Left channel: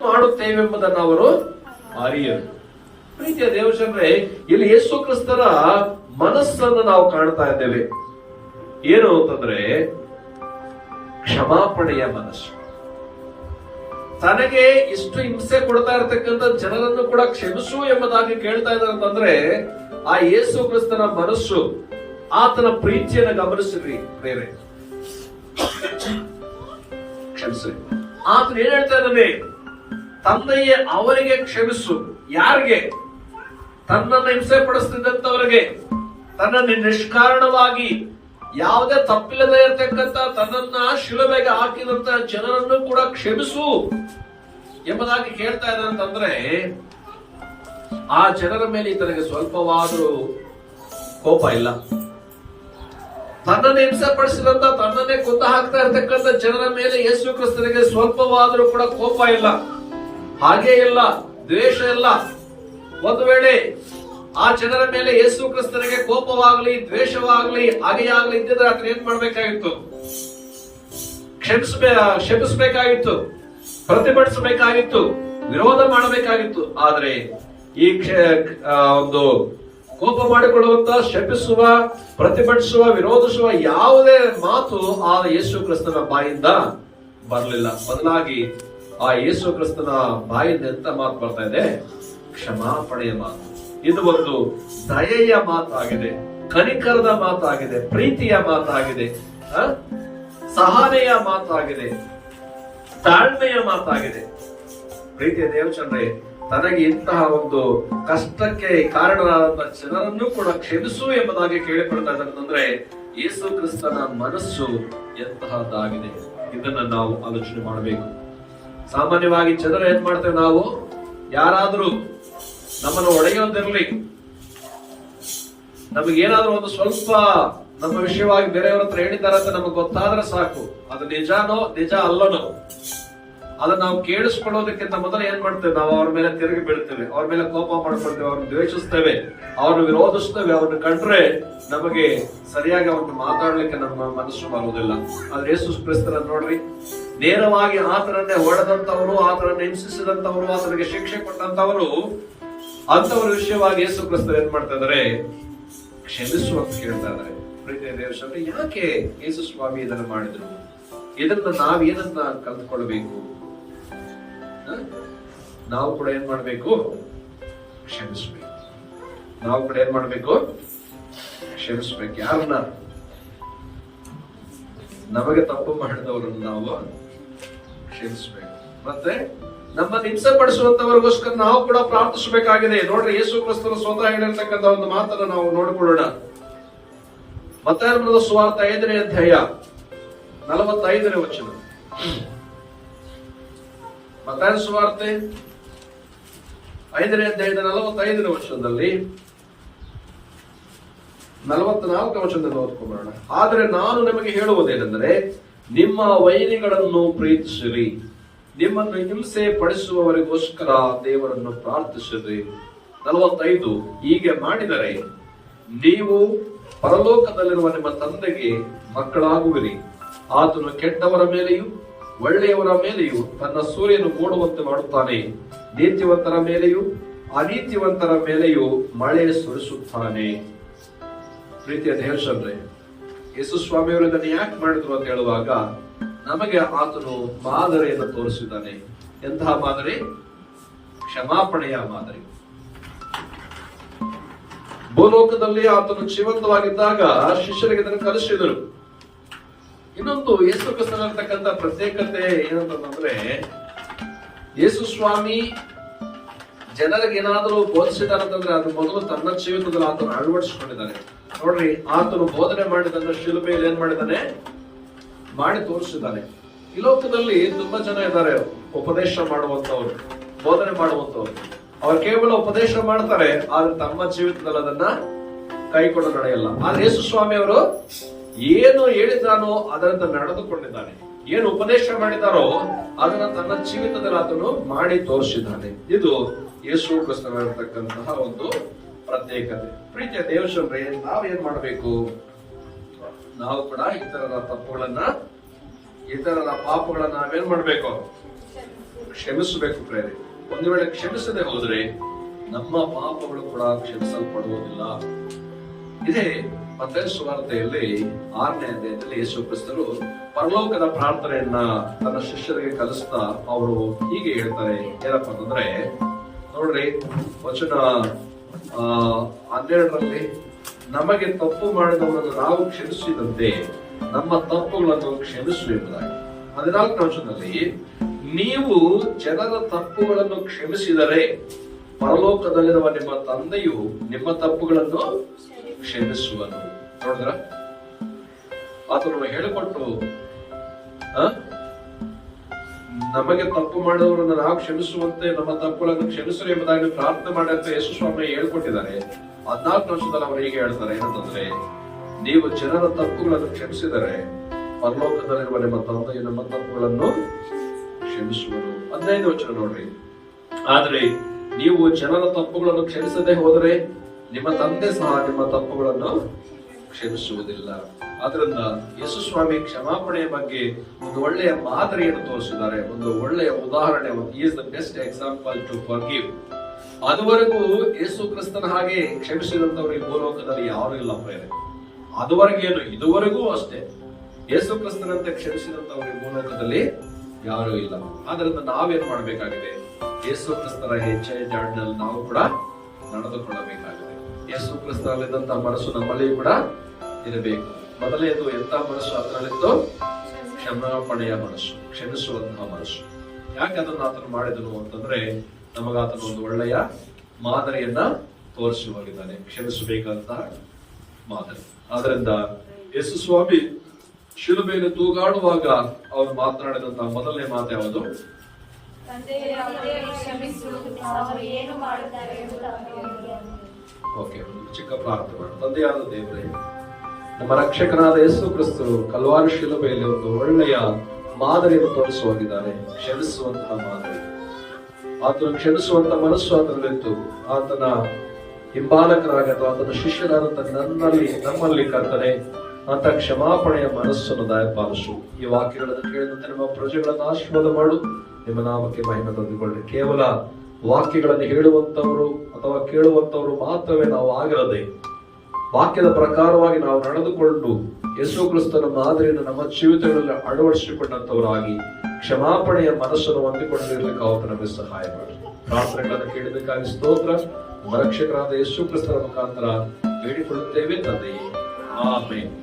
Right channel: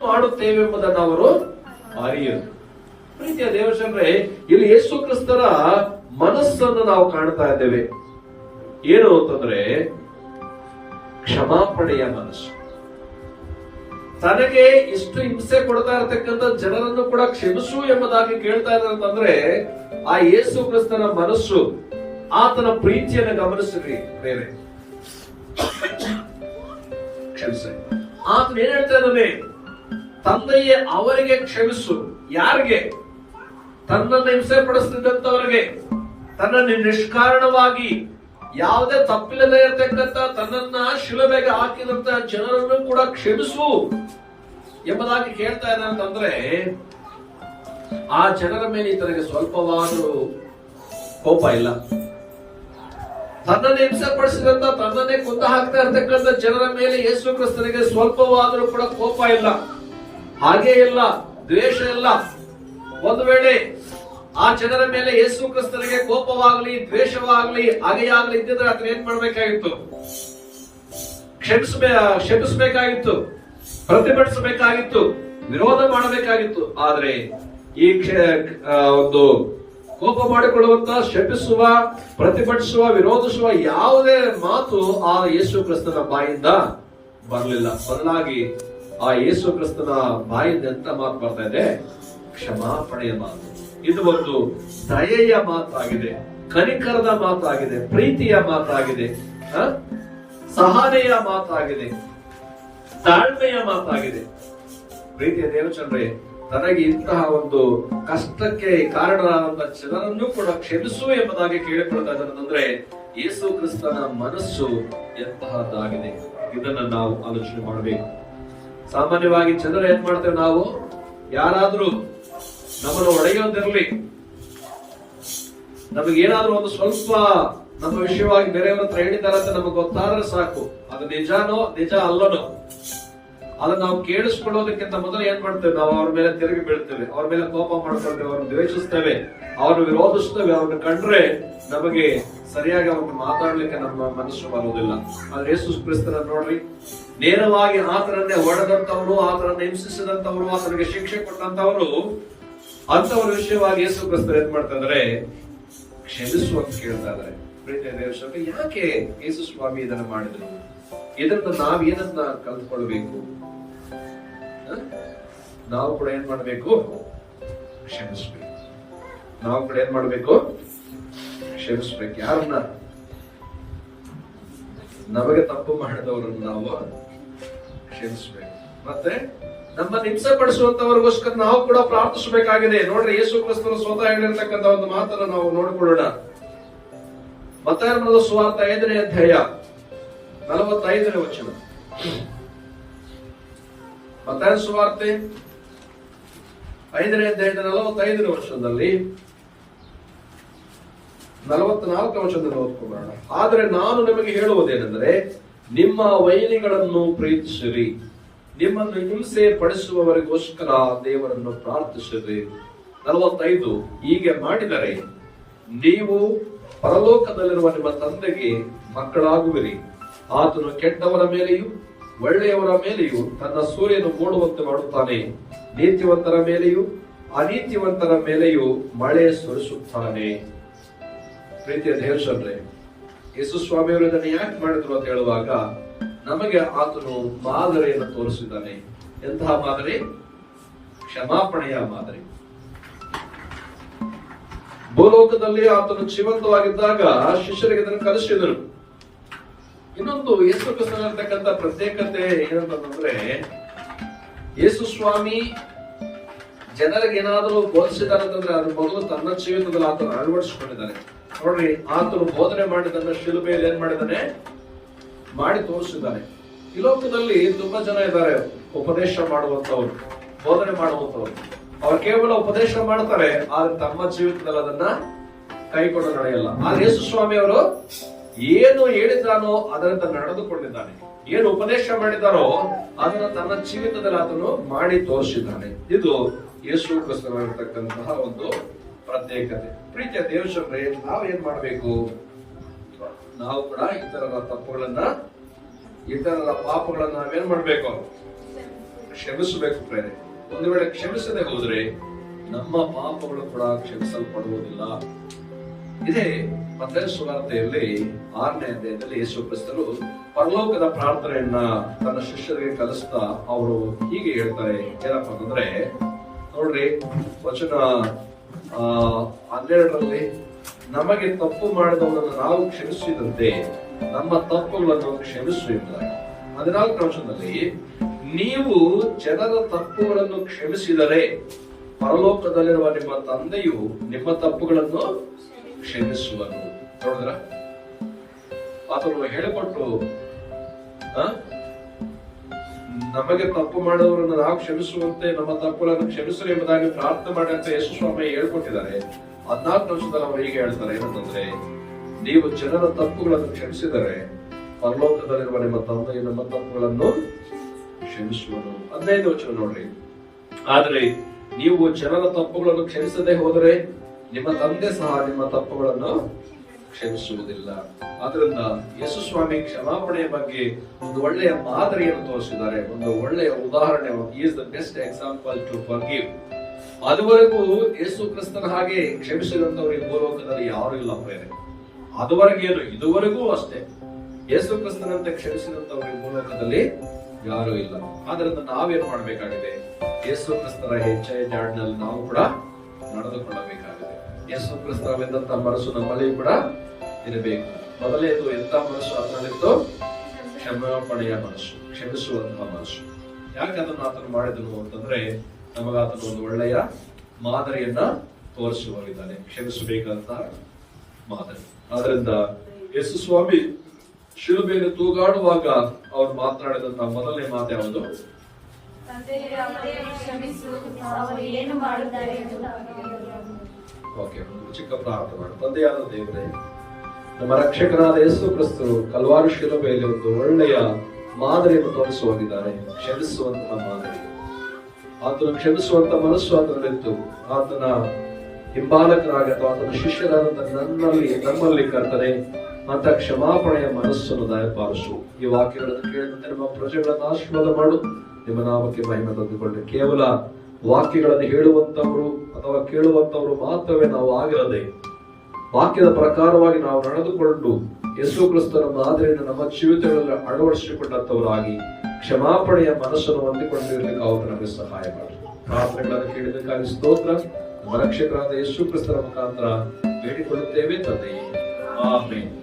ಮಾಡುತ್ತೇವೆ ಎಂಬುದನ್ನು ಅವರು ಅರಿಯರು. ಪ್ರೀತಿಯ ದೇವಜನರೇ, ಇಲ್ಲಿ ಯೇಸು ಕ್ರಿಸ್ತರ ಮನಸ್ಸನ್ನು ನಾವು ಕಾಣ್ತಾ ಇದ್ದೇವೆ. ಏನು ಅಂತಂದ್ರೆ ಕ್ಷಮಾಪಣೆಯ ಮನಸ್ಸು. ತನಗೆ ಇಷ್ಟು ಹಿಂಸೆ ಕೊಡ್ತಾ ಇರತಕ್ಕಂಥ ಜನರನ್ನು ಕೂಡ ಕ್ಷಮಿಸು ಎಂಬುದಾಗಿ ಕೇಳ್ತಾ ಇರೋದಂದ್ರೆ ಆ ಯೇಸು ಕ್ರಿಸ್ತನ ಮನಸ್ಸು, ಆತನ ಪ್ರೀತಿಯನ್ನು ಗಮನಿಸ್ರಿ ಬೇರೆ. ಕ್ಷಮಿಸ್ರಿ. ಆತನ ಏನ್ ಹೇಳ್ತಾ ಇದ್ದಾನೆ? ತಂದೆಯೇ ಅವರಿಗೆ ಕ್ಷಮಿಸು. ಯಾರಿಗೆ? ತನ್ನನ್ನು ಹಿಂಸೆ ಪಡಿಸ್ತಿದ್ದಂತವರಿಗೆ, ತನ್ನನ್ನು ನಿಷ್ಕಾರಣವಾಗಿ ಯಾವುದೇ ತಪ್ಪಿಲ್ಲದೆ ಇರತಕ್ಕಂತ ತನ್ನನ್ನ ಶಿಲುಬೆಗೆ ಹಾಕಿದಂತ ಜನರನ್ನು ಕೂಡ ಕ್ಷಮಿಸು ಎಂಬುದಾಗಿ ಕೇಳ್ತಾ ಇದ್ದಂತಂದ್ರೆ ಆ ಜನರ ಮೇಲೆ ತನಗೆ ಸ್ವಲ್ಪವಾದರೂ ಕೋಪ ಇಲ್ಲ. ತನ್ನನ್ನು ಹಿಂಸೆ ಪಡಿಸಿದಂತ, ತನ್ನನ್ನೇ ಕೊಂದು ಹಾಕ್ತಾ ಇರ್ತಕ್ಕಂಥ ಜನರ ಮೇಲೆ ಯೇಸು ಕ್ರಿಸ್ತನಿಗೆ ಸ್ವಲ್ಪವಾದರೂ ಕೂಡ ಕೋಪ ಇಲ್ಲ, ಹಾಗೇ ಇಲ್ಲ, ದ್ವೇಷ ಇಲ್ಲ. ಒಂದು ವೇಳೆ ಆ ಜನರ ಮೇಲೆ ಯೇಸು ಕ್ರಿಸ್ತನಿಗೆ ಕೋಪವಾಗಲಿ, ದ್ವೇಷವಾಗಲಿ, ಹಾಗೆಯಾಗಲಿ ಇದ್ದಿದ್ರೆ ಅದನ್ನ ಏನ್ ಮಾಡ್ಬೇಕಾಗಿತ್ತು? ಕ್ಷಮಿಸಬೇಕಾಗಿತ್ತು, ಪ್ರತಿಭಟಿಸಬೇಕಾಗಿತ್ತು, ವಿರೋಧ ಮಾಡಬೇಕಾಗಿತ್ತು. ಆದ್ರೆ ಈ ಒಂದು ಕೋಪ ಮಾಡಿಕೊಳ್ಳುವಂತ, ಶಪಿಸುವ, ಪ್ರತಿಭಟಿಸುವ, ವಿರೋಧಿಸುವ ಯಾವುದೇ ಮಾತು ಆ ಯೇಸು ಕ್ರಿಸ್ತನ ಬಾಯಿಂದ ಬರಲಿಲ್ಲ. ಬದಲಾಗಿ ಆ ಯೇಸು ಕ್ರಿಸ್ತನ ಬಾಯಿಂದ ಎಂತ ಮಾತು ಬರ್ತಾ ಇದೆ? ಕ್ಷಮಾಪಣೆಯ ಮಾತು. ಇದು ಒಂದು ದಯೆಯ ಮಾತಾಗಿದೆ, ಕನಿಕರದ ಮಾತಾಗಿದೆ, ಪ್ರೀತಿಯ ಮಾತಾಗಿದೆ, ಸಹನೆಯ ಮಾತಾಗಿದೆ, ತಾಳ್ಮೆಯ ಮಾತಾಗಿದೆ. ಪ್ರೀತಿಯ ದೇವಚಂದ್ರೆ, ತನಗೆ ಇಂತಹ ಒಂದು ಕಷ್ಟಕ್ಕೆ ಕಾರಣರಾದ ಜನರನ್ನು ಕೂಡ ಕ್ಷಮಿಸು ಎಂಬುದಾಗಿ ಕೇಳಿಕೊಳ್ತಾ ಇದ್ದಾನಂದ್ರೆ ಯೇಸು ಕ್ರಿಸ್ತನ ಮನಸ್ಸು ಎಂತಹದ್ದಾಗಿದೆ. ಇದನ್ನ ನಾವು ಆಲೋಚನೆ ಮಾಡಬೇಕು. ಸಾಮಾನ್ಯವಾಗಿ ಜನರು ಏನ್ ಮಾಡ್ತೇವೆ? ನಾವು ಯಾರಾದ್ರೂ ನಮ್ಮನ್ನು ಒಡೆಯೋದಿರ್ಲಿ, ನಮಗೇನಾದ್ರೂ ಒಂದು ಸ್ವಲ್ಪ ನಮ್ಮ ವಿಷಯವಾಗಿ ಬೇರೆಯವ್ರ ಹತ್ರ ಹೇಳಿದ್ದಾರೆ ಅಂತ ನಮಗೆ ಗೊತ್ತಾದ್ರೆ ಸಾಕು, ಅದು ನಿಜಾನೋ ನಿಜ ಅಲ್ಲನೋ ಅದನ್ನ ನಾವು ಕೇಳಿಸ್ಕೊಳ್ಳೋದಕ್ಕಿಂತ ಮೊದಲು ಏನ್ ಮಾಡ್ತೇವೆ? ನಾವು ಅವ್ರ ಮೇಲೆ ತಿರುಗಿ ಬೀಳ್ತೇವೆ, ಅವ್ರ ಮೇಲೆ ಕೋಪ ಮಾಡ್ಕೊಳ್ತೇವೆ, ಅವ್ರನ್ನ ದ್ವೇಷಿಸ್ತೇವೆ, ಅವ್ರನ್ನ ವಿರೋಧಿಸ್ತೇವೆ. ಅವ್ರನ್ನ ಕಂಡ್ರೆ ನಮಗೆ ಸರಿಯಾಗಿ ಅವ್ರನ್ನ ಮಾತಾಡ್ಲಿಕ್ಕೆ ನಮ್ಮ ಮನಸ್ಸು ಬರುವುದಿಲ್ಲ. ಆದ್ರೆ ಯೇಸು ಕ್ರಿಸ್ತನ ನೋಡ್ರಿ, ನೇರವಾಗಿ ಆತನನ್ನೇ ಹೊಡೆದಂತವರು, ಆತನನ್ನ ಹಿಂಸಿಸಿದಂತವರು, ಆತನಿಗೆ ಶಿಕ್ಷೆ ಕೊಟ್ಟಂತವರು, ಅಂತವರ ವಿಷಯವಾಗಿ ಯೇಸು ಕ್ರಿಸ್ತರು ಏನ್ ಮಾಡ್ತಾ ಇದಾರೆ? ಕ್ಷಮಿಸುವಂತ ಕೇಳ್ತಾ ಇದ್ದಾರೆ. ಪ್ರೀತಿಯ ದೇವರೇ, ಯಾಕೆ ಯೇಸು ಸ್ವಾಮಿ ಇದನ್ನ ಮಾಡಿದ್ರು? ಇದನ್ನ ನಾವೇನನ್ನ ಕಲ್ತ್ಕೊಳ್ಬೇಕು? ನಾವು ಕೂಡ ಏನ್ ಮಾಡ್ಬೇಕು? ಕ್ಷಮಿಸ್ಬೇಕು. ನಾವು ಕೂಡ ಏನ್ ಮಾಡ್ಬೇಕು? ಕ್ಷಮಿಸ್ಬೇಕು. ಯಾರನ್ನ? ನಮಗೆ ತಪ್ಪು ಮಾಡಿದವರನ್ನು ನಾವು ಕ್ಷಮಿಸ್ಬೇಕು. ಮತ್ತೆ ನಮ್ಮನ್ನು ಹಿಂಸೆ ಪಡಿಸುವಂತವರಿಗೋಸ್ಕರ ನಾವು ಕೂಡ ಪ್ರಾರ್ಥಿಸಬೇಕಾಗಿದೆ. ನೋಡ್ರಿ, ಯೇಸು ಕ್ರಿಸ್ತರು ಸ್ವತಃ ಹೇಳಿರ್ತಕ್ಕಂಥ ಒಂದು ಮಾತನ್ನು ನಾವು ನೋಡಿಕೊಳ್ಳೋಣ. ಮತ್ತಾಯನ ಸುವಾರ್ತೆ 5ನೇ ಅಧ್ಯಾಯ 45ನೇ ವಚನ. ಮತ್ತಾಯನ ಸುವಾರ್ತೆ 5ನೇ ಅಧ್ಯಾಯದ 45ನೇ ವಚನದಲ್ಲಿ 44ನೇ ವಚನದಲ್ಲಿ ಓದ್ಕೊಳ್ಳೋಣ. ಆದರೆ ನಾನು ನಿಮಗೆ ಹೇಳುವುದೇನೆಂದರೆ, ನಿಮ್ಮ ವೈರಿಗಳನ್ನು ಪ್ರೀತಿಸಿರಿ, ನಿಮ್ಮನ್ನು ಹಿಂಸೆ ಪಡಿಸುವವರಿಗೋಸ್ಕರ ದೇವರನ್ನು ಪ್ರಾರ್ಥಿಸಿರಿ. 45, ಹೀಗೆ ಮಾಡಿದರೆ ನೀವು ಪರಲೋಕದಲ್ಲಿರುವ ನಿಮ್ಮ ತಂದೆಗೆ ಮಕ್ಕಳಾಗುವಿರಿ. ಆತನು ಕೆಟ್ಟವರ ಮೇಲೆಯೂ ಒಳ್ಳೆಯವರ ಮೇಲೆಯೂ ತನ್ನ ಸೂರ್ಯನು ಮೂಡುವಂತೆ ಮಾಡುತ್ತಾನೆ, ನೀತಿವಂತರ ಮೇಲೆಯೂ ಅನೀತಿವಂತರ ಮೇಲೆಯೂ ಮಳೆ ಸುರಿಸುತ್ತಾನೆ. ಪ್ರೀತಿಯ ದೇವರೇ, ಯೇಸು ಸ್ವಾಮಿಯವರು ಇದನ್ನು ಯಾಕೆ ಮಾಡಿದ್ರು ಅಂತ ಹೇಳುವಾಗ ನಮಗೆ ಆತನು ಮಾದರಿಯನ್ನು ತೋರಿಸಿದ್ದಾನೆ. ಎಂತಹ ಮಾದರಿ? ಕ್ಷಮಾಪಣೆಯ ಮಾದರಿ. ಭೂಲೋಕದಲ್ಲಿ ಆತನು ಜೀವಂತವಾಗಿದ್ದಾಗ ಶಿಷ್ಯರಿಗೆ ಇದನ್ನು ಕಲಿಸಿದರು. ಇನ್ನೊಂದು ಯೇಸು ಕ್ರಿಸ್ತನಲ್ಲಿರ್ತಕ್ಕಂಥ ಪ್ರತ್ಯೇಕತೆ ಏನಂತಂದ್ರೆ, ಯೇಸು ಸ್ವಾಮಿ ಜನರಿಗೆ ಏನಾದರೂ ಬೋಧಿಸಿದಾರಂತಂದ್ರೆ ಅದು ಮೊದಲು ತನ್ನ ಜೀವಿತದಲ್ಲಿ ಆತನು ಅಳವಡಿಸಿಕೊಂಡಿದ್ದಾನೆ. ನೋಡ್ರಿ, ಆತನು ಬೋಧನೆ ಮಾಡಿದನ್ನ ಶಿಲುಬೆಯಲ್ಲಿ ಏನ್ ಮಾಡಿದ್ದಾನೆ? ಮಾಡಿ ತೋರಿಸಿದ್ದಾನೆ. ಈ ಲೋಕದಲ್ಲಿ ತುಂಬಾ ಜನ ಇದ್ದಾರೆ, ಉಪದೇಶ ಮಾಡುವಂತವ್ರು, ಬೋಧನೆ ಮಾಡುವಂತವ್ರು. ಅವ್ರು ಕೇವಲ ಉಪದೇಶ ಮಾಡ್ತಾರೆ, ಆದ್ರೆ ತಮ್ಮ ಜೀವಿತದಲ್ಲಿ ಅದನ್ನ ಕೈಕೊಂಡು ನಡೆಯಲ್ಲ. ಆದ್ರೆ ಯೇಸು ಸ್ವಾಮಿ ಅವರು ಏನು ಹೇಳಿದಾನೋ ಅದರಂತೆ ನಡೆದುಕೊಂಡಿದ್ದಾನೆ. ಏನು ಉಪದೇಶ ಮಾಡಿದಾರೋ ಅದನ್ನ ತನ್ನ ಜೀವಿತದಲ್ಲಿ ಆತನು ಮಾಡಿ ತೋರಿಸಿದ್ದಾನೆ. ಇದು ಯೇಸು ಕ್ರಿಸ್ತನಿರ್ತಕ್ಕಂತಹ ಒಂದು ಪ್ರತ್ಯೇಕತೆ. ಪ್ರೀತಿಯ ದೇವರೇ, ನಾವು ಏನ್ ಮಾಡ್ಬೇಕು? ನಾವು ಕೂಡ ಇತರರ ತಪ್ಪುಗಳನ್ನ, ಇತರರ ಪಾಪಗಳನ್ನ ನಾವೇನ್ ಮಾಡ್ಬೇಕು? ಕ್ಷಮಿಸಬೇಕು ಪ್ರೇರೆ. ಒಂದು ವೇಳೆ ಕ್ಷಮಿಸದೆ ಹೋದರೆ ನಮ್ಮ ಪಾಪಗಳು ಕೂಡ ಕ್ಷಮಿಸಲ್ಪಡುವುದಿಲ್ಲ. ಇದೇ ಮತ್ತಾಯ ಸುವಾರ್ತೆಯಲ್ಲಿ 6ನೇ ಅಧ್ಯಾಯದಲ್ಲಿ ಯೇಸು ಕ್ರಿಸ್ತರು ಪರಲೋಕದ ಪ್ರಾರ್ಥನೆಯನ್ನ ತನ್ನ ಶಿಷ್ಯರಿಗೆ ಕಲಿಸ್ತಾ ಅವರು ಹೀಗೆ ಹೇಳ್ತಾರೆ. ಏನಪ್ಪ ಅಂತಂದ್ರೆ ನೋಡ್ರಿ, ವಚನ 12ರಲ್ಲಿ ನಮಗೆ ತಪ್ಪು ಮಾಡಿದವರನ್ನು ನಾವು ಕ್ಷಮಿಸಿದಂತೆ ನಮ್ಮ ತಪ್ಪುಗಳನ್ನು ಕ್ಷಮಿಸು ಎಂಬುದಾಗಿ. 14ನೇ ವಚನದಲ್ಲಿ ನೀವು ಜನರ ತಪ್ಪುಗಳನ್ನು ಕ್ಷಮಿಸಿದರೆ ಪರಲೋಕದಲ್ಲಿರುವ ನಿಮ್ಮ ತಂದೆಯು ನಿಮ್ಮ ತಪ್ಪುಗಳನ್ನು ಕ್ಷಮಿಸುವನು. ನೋಡಿದ್ರ, ಆತನು ಹೇಳಿಕೊಟ್ಟು ನಮಗೆ ತಪ್ಪು ಮಾಡಿದವರನ್ನು ನಾವು ಕ್ಷಮಿಸುವಂತೆ ನಮ್ಮ ತಪ್ಪುಗಳನ್ನು ಕ್ಷಮಿಸಲು ಎಂಬುದಾಗಿ ಪ್ರಾರ್ಥನೆ ಮಾಡಂತ ಯೇಸು ಸ್ವಾಮಿ ಹೇಳ್ಕೊಟ್ಟಿದ್ದಾರೆ. 14ನೇ ವಚನದಲ್ಲಿ ಅವರು ಹೇಗೆ ಹೇಳ್ತಾರೆ ಏನಂತಂದ್ರೆ, ನೀವು ಜನರ ತಪ್ಪುಗಳನ್ನು ಕ್ಷಮಿಸಿದರೆ ಪರಲೋಕದಲ್ಲಿರುವ ನಿಮ್ಮ ತಂದೆಯು ನಮ್ಮ ತಪ್ಪುಗಳನ್ನು ಕ್ಷಮಿಸುವನು. 15ನೇ ವಚನ ನೋಡ್ರಿ, ಆದ್ರೆ ನೀವು ಜನರ ತಪ್ಪುಗಳನ್ನು ಕ್ಷಮಿಸದೆ ಹೋದರೆ ನಿಮ್ಮ ತಂದೆ ಸಹ ನಿಮ್ಮ ತಪ್ಪುಗಳನ್ನು ಕ್ಷಮಿಸುವುದಿಲ್ಲ. ಆದ್ರಿಂದ ಯೇಸು ಸ್ವಾಮಿ ಕ್ಷಮಾಪಣೆಯ ಬಗ್ಗೆ ಒಂದು ಒಳ್ಳೆಯ ಮಾದರಿಯನ್ನು ತೋರಿಸಿದ್ದಾರೆ, ಒಂದು ಒಳ್ಳೆಯ ಉದಾಹರಣೆ. Is the best example to forgive. ಅದುವರೆಗೂ ಯೇಸು ಕ್ರಿಸ್ತನ ಹಾಗೆ ಕ್ಷಮಿಸಿದಂತವರಿಗೆ ಭೂಲೋಕದಲ್ಲಿ ಯಾರು ಇಲ್ಲ ಪ್ರೇರೆ. ಅದುವರೆಗೇನು, ಇದುವರೆಗೂ ಅಷ್ಟೇ ಯೇಸು ಕ್ರಿಸ್ತನಂತೆ ಕ್ಷಮಿಸಿದಂತವರಿಗೆ ಭೂಲೋಕದಲ್ಲಿ ಯಾರು ಇಲ್ಲ. ಆದ್ರಿಂದ ನಾವೇನ್ ಮಾಡ್ಬೇಕಾಗಿದೆ, ಯೇಸು ಕ್ರಿಸ್ತರ ಹೆಜ್ಜೆಯ ಜಾಡಿನಲ್ಲಿ ನಾವು ಕೂಡ ನಡೆದುಕೊಳ್ಳಬೇಕಾಗಿದೆ. ಯೇಸು ಕ್ರಿಸ್ತನಲ್ಲಿದ್ದಂತ ಮನಸ್ಸು ನಮ್ಮಲ್ಲಿ ಕೂಡ ಇರಬೇಕು. ಮೊದಲನೇದು ಎಂತ ಮನಸ್ಸು? ಅದರಲ್ಲಿದ್ದು ಕ್ಷಮಾಪಣೆಯ ಮನಸ್ಸು, ಕ್ಷಮಿಸುವಂತಹ ಮನಸ್ಸು. ಯಾಕೆ ಅದನ್ನು ಆತನು ಮಾಡಿದನು ಅಂತಂದ್ರೆ ನಮಗಾತನು ಒಂದು ಒಳ್ಳೆಯ ಮಾದರಿಯನ್ನ ತೋರಿಸುವಾಗಿದ್ದಾನೆ, ಕ್ಷಮಿಸಬೇಕಾದಂತಹ ಮಾದರಿ. ಆದ್ರಿಂದ ಯೇಸು ಸ್ವಾಮಿ ಶಿಲುಬೆಯಲ್ಲಿ ತೂಗಾಡುವಾಗ ಅವ್ರು ಮಾತನಾಡಿದಂತಹ ಮೊದಲನೇ ಮಾತು ಯಾವುದು? ಓಕೆ, ಚಿಕ್ಕ ಪ್ರಾರ್ಥನೆ. ತಂದೆಯಾದ ದೇವರೇ, ನಮ್ಮ ರಕ್ಷಕರಾದ ಯೇಸು ಕ್ರಿಸ್ತರು ಕಲ್ವಾರಿ ಶಿಲುಬೆಯಲ್ಲಿ ಒಂದು ಒಳ್ಳೆಯ ಮಾದರಿಯನ್ನು ತೋರಿಸುವಾಗಿದ್ದಾರೆ, ಕ್ಷಮಿಸುವಂತಹ ಮಾದರಿ. ಆತನು ಕ್ಷಮಿಸುವಂತ ಮನಸ್ಸು ಆತನಲ್ಲಿತ್ತು. ಆತನ ಹಿಂಬಾಲಕರಾಗ ಆತನ ಶಿಷ್ಯರಾದಂತ ನಮ್ಮಲ್ಲಿ ಕರ್ತನೆ ಅಂತ ಕ್ಷಮಾಪಣೆಯ ಮನಸ್ಸನ್ನು ದಯಪಾಲಿಸು. ಈ ವಾಕ್ಯಗಳನ್ನು ಕೇಳಿದಂತೆ ನಮ್ಮ ಪ್ರಜೆಗಳನ್ನು ಆಶೀರ್ವಾದ ಮಾಡು. ನಿಮ್ಮ ನಾಮಕ್ಕೆ ಮಹಿಮೆ ತಂದುಕೊಳ್ಳಿ. ಕೇವಲ ವಾಕ್ಯಗಳನ್ನು ಹೇಳುವಂತವರು ಅಥವಾ ಕೇಳುವಂತವರು ಮಾತ್ರವೇ ನಾವು ಆಗಿರದೆ ವಾಕ್ಯದ ಪ್ರಕಾರವಾಗಿ ನಾವು ನಡೆದುಕೊಂಡು ಯೇಸು ಕ್ರಿಸ್ತನ ಮಾದರಿಯನ್ನು ನಮ್ಮ ಜೀವಿತಗಳಲ್ಲಿ ಅಳವಡಿಸಿಕೊಂಡಂತವರಾಗಿ ಕ್ಷಮಾಪಣೆಯ ಮನಸ್ಸನ್ನು ಹೊಂದಿಕೊಂಡಿರಲಿಕ್ಕೆ ಅವರು ನಮಗೆ ಸಹಾಯ ಮಾಡಿ. ಪ್ರಾರ್ಥನೆಗಳನ್ನು ಕೇಳಿದಕ್ಕಾಗಿ ಸ್ತೋತ್ರ. ನಮ್ಮ ರಕ್ಷಕರಾದ ಯೇಸು ಕ್ರಿಸ್ತನ ಮುಖಾಂತರ ಬೇಡಿಕೊಳ್ಳುತ್ತೇವೆ ತಂದೆಯೇ, ಆಮೆನ್.